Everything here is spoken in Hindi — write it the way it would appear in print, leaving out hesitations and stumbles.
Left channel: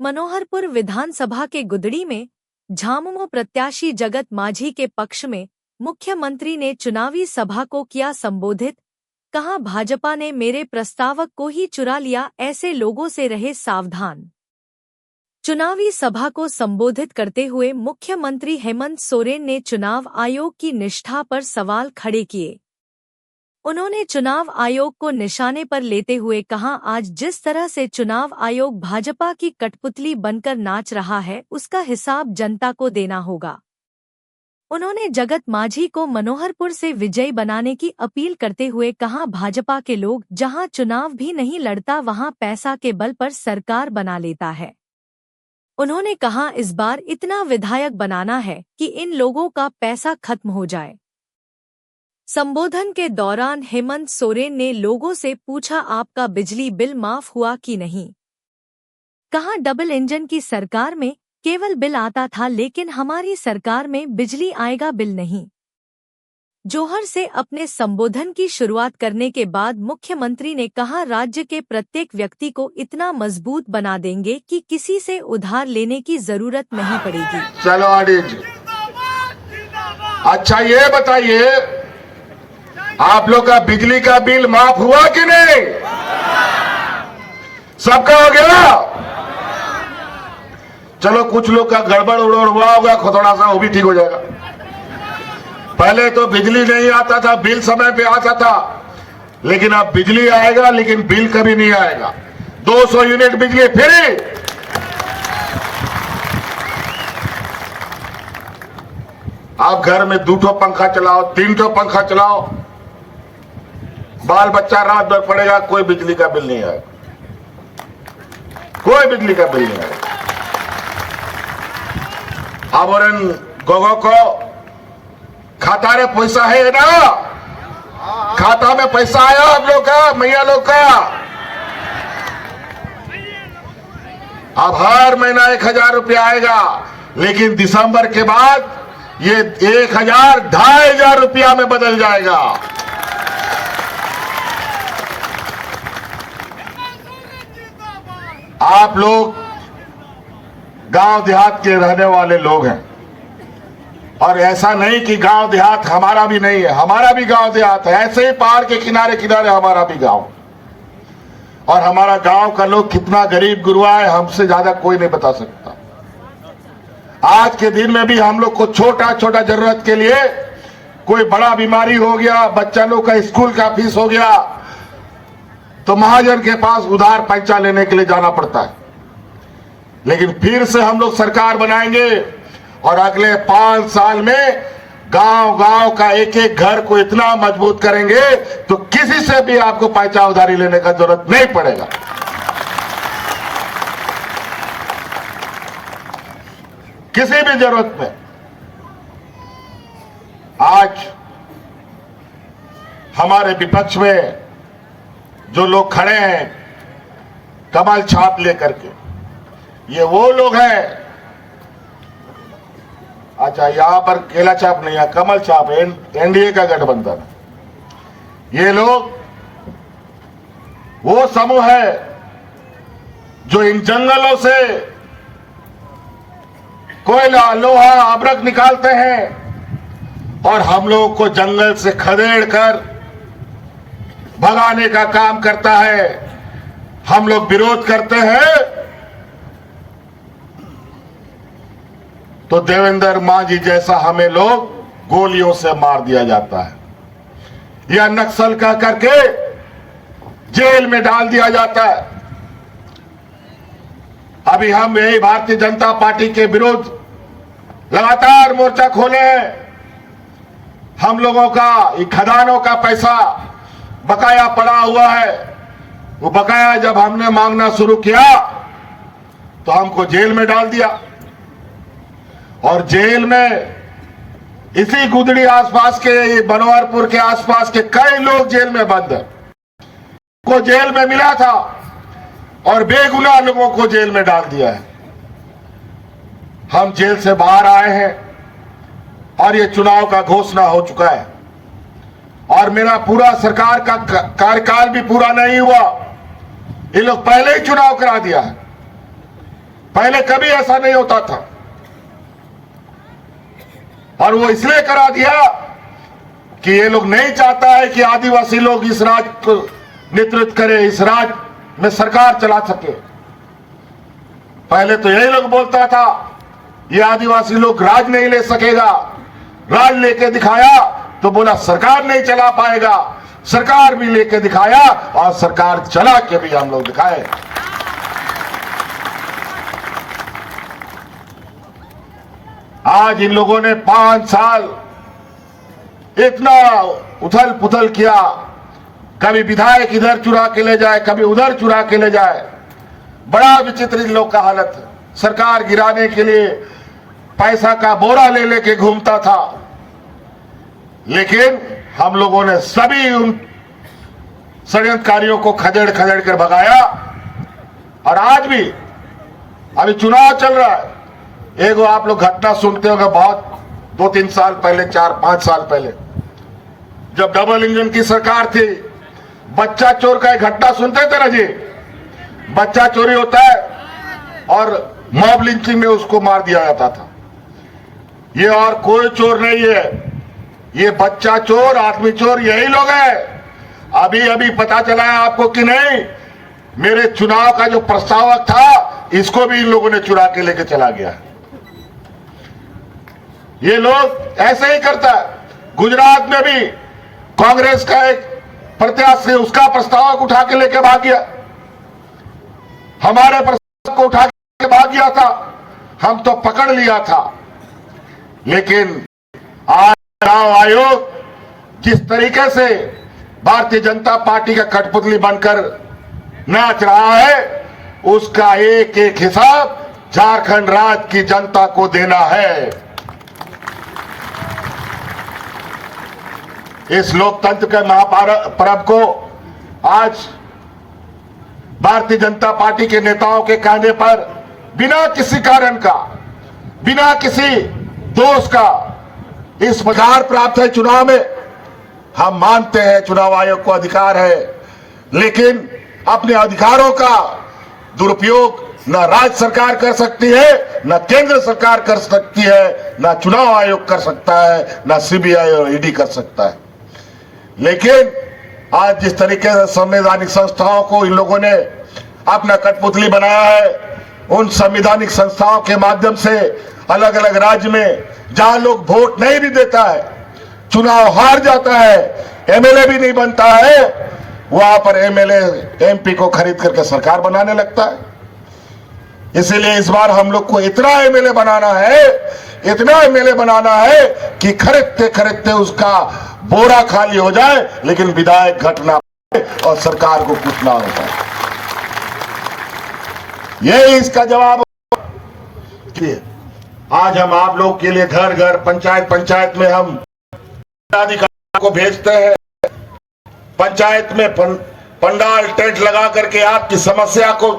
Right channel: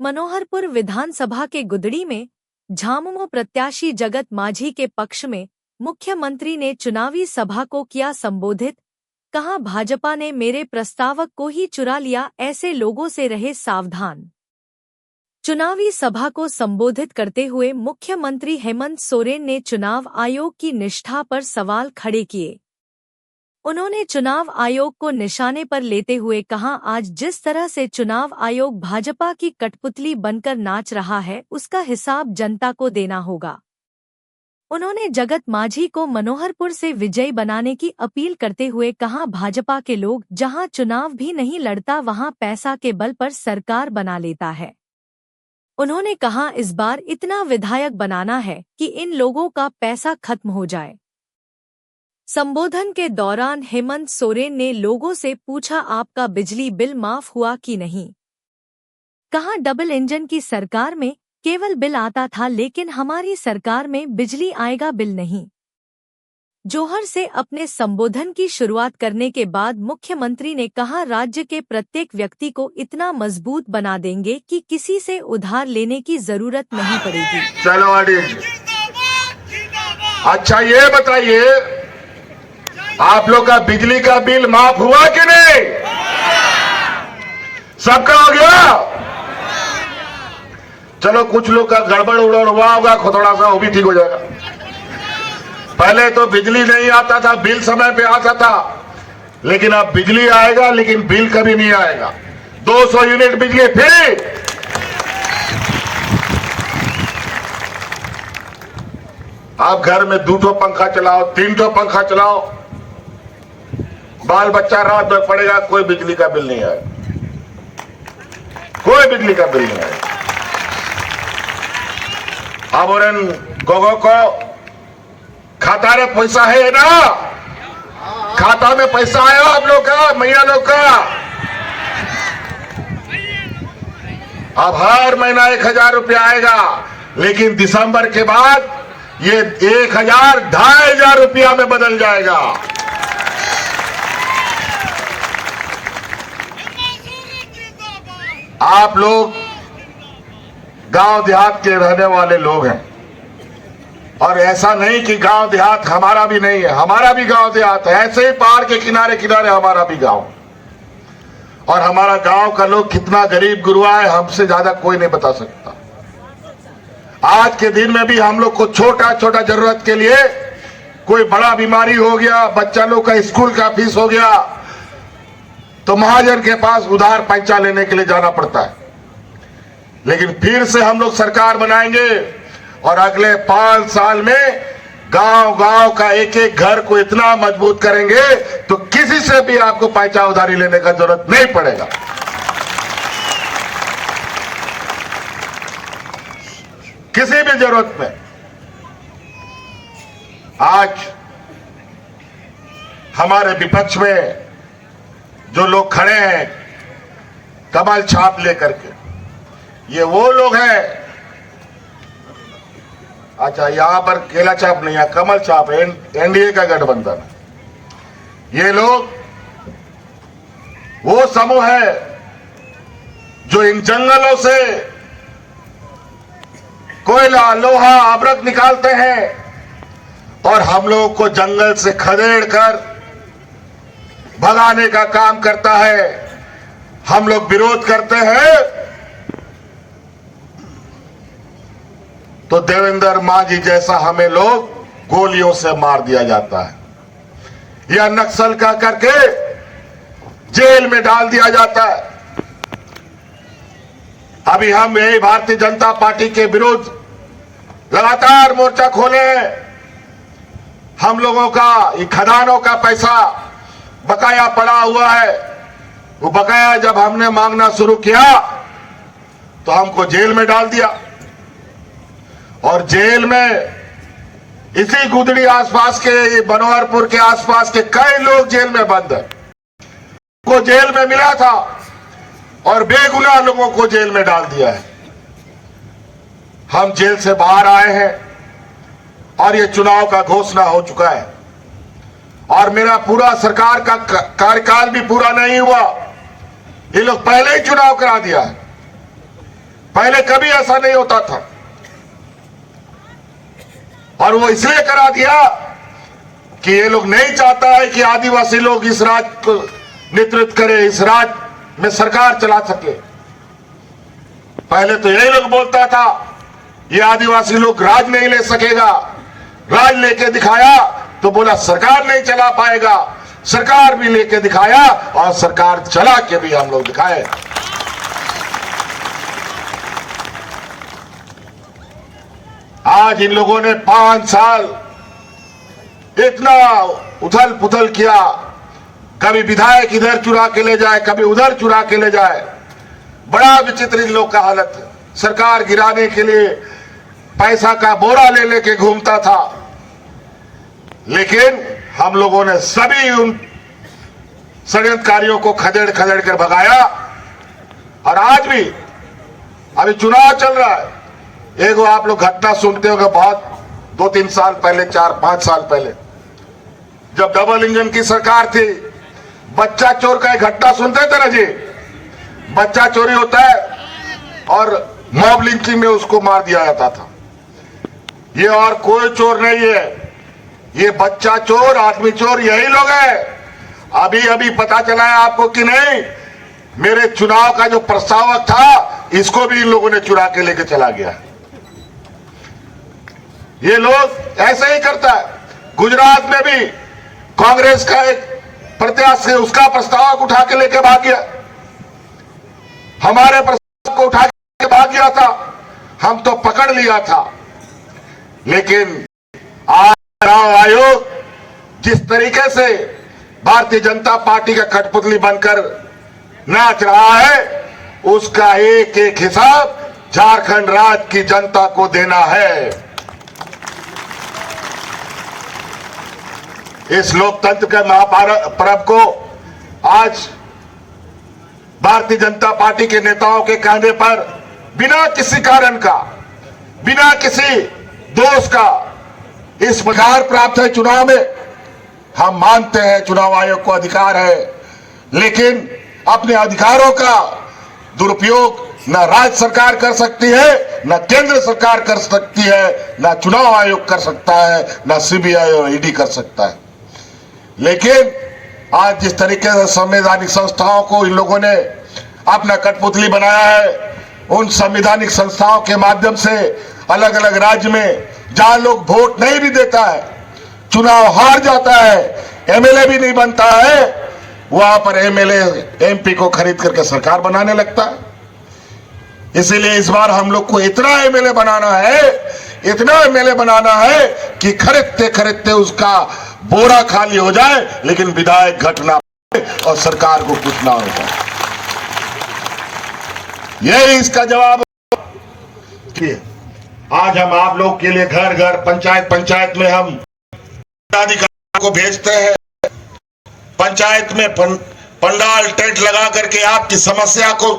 मनोहरपुर विधानसभा के गुदड़ी में झामुमो प्रत्याशी जगत माझी के पक्ष में मुख्यमंत्री ने चुनावी सभा को किया संबोधित। कहा, भाजपा ने मेरे प्रस्तावक को ही चुरा लिया, ऐसे लोगों से रहे सावधान। चुनावी सभा को संबोधित करते हुए मुख्यमंत्री हेमंत सोरेन ने चुनाव आयोग की निष्ठा पर सवाल खड़े किए। उन्होंने चुनाव आयोग को निशाने पर लेते हुए कहा, आज जिस तरह से चुनाव आयोग भाजपा की कठपुतली बनकर नाच रहा है, उसका हिसाब जनता को देना होगा। उन्होंने जगत माझी को मनोहरपुर से विजयी बनाने की अपील करते हुए कहा, भाजपा के लोग जहां चुनाव भी नहीं लड़ता वहां पैसा के बल पर सरकार बना लेता है। उन्होंने कहा, इस बार इतना विधायक बनाना है कि इन लोगों का पैसा खत्म हो जाए। संबोधन के दौरान हेमंत सोरेन ने लोगों से पूछा, आपका बिजली बिल माफ हुआ कि नहीं। कहा, डबल इंजन की सरकार में केवल बिल आता था, लेकिन हमारी सरकार में बिजली आएगा, बिल नहीं। जोहर से अपने संबोधन की शुरुआत करने के बाद मुख्यमंत्री ने कहा, राज्य के प्रत्येक व्यक्ति को इतना मजबूत बना देंगे कि किसी से उधार लेने की जरूरत नहीं पड़ेगी। चलो अच्छा ये बताइए, आप लोग का बिजली का बिल माफ हुआ कि नहीं? सबका हो गया? चलो कुछ लोग का गड़बड़ उड़बड़ हुआ होगा, थोड़ा सा वो भी ठीक हो जाएगा। पहले तो बिजली नहीं आता था, बिल समय पे आता था, लेकिन अब बिजली आएगा लेकिन बिल कभी नहीं आएगा। 200 यूनिट बिजली फ्री। आप घर में 2 पंखा चलाओ, 3 पंखा चलाओ, बाल बच्चा रात भर पड़ेगा, कोई बिजली का बिल नहीं आएगा, कोई बिजली का बिल नहीं आएगा। अब और गोगो को खाता रे पैसा है ना, खाता में पैसा आया आप लोग का, मैया लोग का। अब हर महीना 1000 रुपया आएगा, लेकिन दिसंबर के बाद ये 1000 2500 रुपया में बदल जाएगा। आप लोग गांव देहात के रहने वाले लोग हैं, और ऐसा नहीं कि गांव देहात हमारा भी नहीं है, हमारा भी गांव देहात है। ऐसे ही पहाड़ के किनारे किनारे हमारा भी गांव, और हमारा गांव का लोग कितना गरीब गुरुआ है, हमसे ज्यादा कोई नहीं बता सकता। आज के दिन में भी हम लोग को छोटा छोटा जरूरत के लिए, कोई बड़ा बीमारी हो गया, बच्चा लोग का स्कूल का फीस हो गया, तो महाजन के पास उधार पैसा लेने के लिए जाना पड़ता है। लेकिन फिर से हम लोग सरकार बनाएंगे, और अगले 5 साल में गांव गांव का एक एक घर को इतना मजबूत करेंगे तो किसी से भी आपको पैसा उधारी लेने का जरूरत नहीं पड़ेगा। किसी भी जरूरत में। आज हमारे विपक्ष में जो लोग खड़े हैं कमल छाप लेकर के, ये वो लोग हैं। अच्छा, यहां पर केला छाप नहीं है, कमल छाप है, एनडीए का गठबंधन। ये लोग वो समूह है जो इन जंगलों से कोयला, लोहा, अभ्रक निकालते हैं, और हम लोगों को जंगल से खदेड़ कर भगाने का काम करता है। हम लोग विरोध करते हैं तो देवेंद्र माझी जैसा हमें लोग गोलियों से मार दिया जाता है, या नक्सल का करके जेल में डाल दिया जाता है। अभी हम यही भारतीय जनता पार्टी के विरुद्ध लगातार मोर्चा खोले हैं। हम लोगों का ये खदानों का पैसा बकाया पड़ा हुआ है, वो बकाया जब हमने मांगना शुरू किया तो हमको जेल में डाल दिया, और जेल में इसी गुदड़ी आसपास के, मनोहरपुर के आसपास के कई लोग जेल में बंद हैं। को जेल में मिला था और बेगुनाह लोगों को जेल में डाल दिया है। हम जेल से बाहर आए हैं और ये चुनाव का घोषणा हो चुका है, और मेरा पूरा सरकार का कार्यकाल भी पूरा नहीं हुआ। ये लोग पहले ही चुनाव करा दिया, पहले कभी ऐसा नहीं होता था, और वो इसलिए करा दिया कि ये लोग नहीं चाहता है कि आदिवासी लोग इस राज्य को नेतृत्व करे, इस राज्य में सरकार चला सके। पहले तो यही लोग बोलता था ये आदिवासी लोग राज नहीं ले सकेगा, राज लेके दिखाया तो बोला सरकार नहीं चला पाएगा, सरकार भी लेके दिखाया और सरकार चला के भी हम लोग दिखाए। आज इन लोगों ने 5 साल इतना उथल पुथल किया, कभी विधायक इधर चुरा के ले जाए, कभी उधर चुरा के ले जाए। बड़ा विचित्र इन लोग का हालत है। सरकार गिराने के लिए पैसा का बोरा ले लेके घूमता था, लेकिन हम लोगों ने सभी उन षड्यंत्रकारियों को खदेड़ खदेड़ कर भगाया। और आज भी अभी चुनाव चल रहा है। एगो आप लोग घटना सुनते होंगे, बहुत 2-3 साल पहले, 4-5 साल पहले, जब डबल इंजन की सरकार थी, बच्चा चोर का एक घटना सुनते थे ना जी। बच्चा चोरी होता है और मॉब लिंचिंग में उसको मार दिया जाता था। ये और कोई चोर नहीं है, ये बच्चा चोर, आदमी चोर यही लोग हैं। अभी अभी पता चला है आपको कि नहीं, मेरे चुनाव का जो प्रस्तावक था इसको भी इन लोगों ने चुरा के लेके चला गया। ये लोग ऐसे ही करता है। गुजरात में भी कांग्रेस का एक प्रत्याशी उसका प्रस्तावक उठा के लेके भाग गया, हमारे प्रस्ताव को उठा के भाग गया था, हम तो पकड़ लिया था। लेकिन आज चुनाव आयोग जिस तरीके से भारतीय जनता पार्टी का कठपुतली बनकर नाच रहा है, उसका एक एक हिसाब झारखंड राज्य की जनता को देना है। इस लोकतंत्र के महापर्व को आज भारतीय जनता पार्टी के नेताओं के कहने पर बिना किसी कारण का, बिना किसी दोष का इस अधिकार प्राप्त है चुनाव में। हम मानते हैं चुनाव आयोग को अधिकार है, लेकिन अपने अधिकारों का दुरुपयोग न राज्य सरकार कर सकती है, न केंद्र सरकार कर सकती है, न चुनाव आयोग कर सकता है, न सीबीआई और ईडी कर सकता है। लेकिन आज जिस तरीके से संवैधानिक संस्थाओं को इन लोगों ने अपना कठपुतली बनाया है, उन संवैधानिक संस्थाओं के माध्यम से अलग अलग राज्य में जहां लोग वोट नहीं भी देता है, चुनाव हार जाता है, एमएलए भी नहीं बनता है, वहां पर एमएलए एमपी को खरीद करके सरकार बनाने लगता है। इसीलिए इस बार हम लोग को इतना एमएलए बनाना है, इतना एमएलए बनाना है कि खरीदते खरीदते उसका बोरा खाली हो जाए, लेकिन विधायक घटना और सरकार को कुछ ना हो जाए। यही इसका जवाब है। आज हम आप लोग के लिए घर घर, पंचायत पंचायत में हम अधिकारियों को भेजते हैं। पंचायत में पंडाल टेंट लगा करके आपकी समस्या को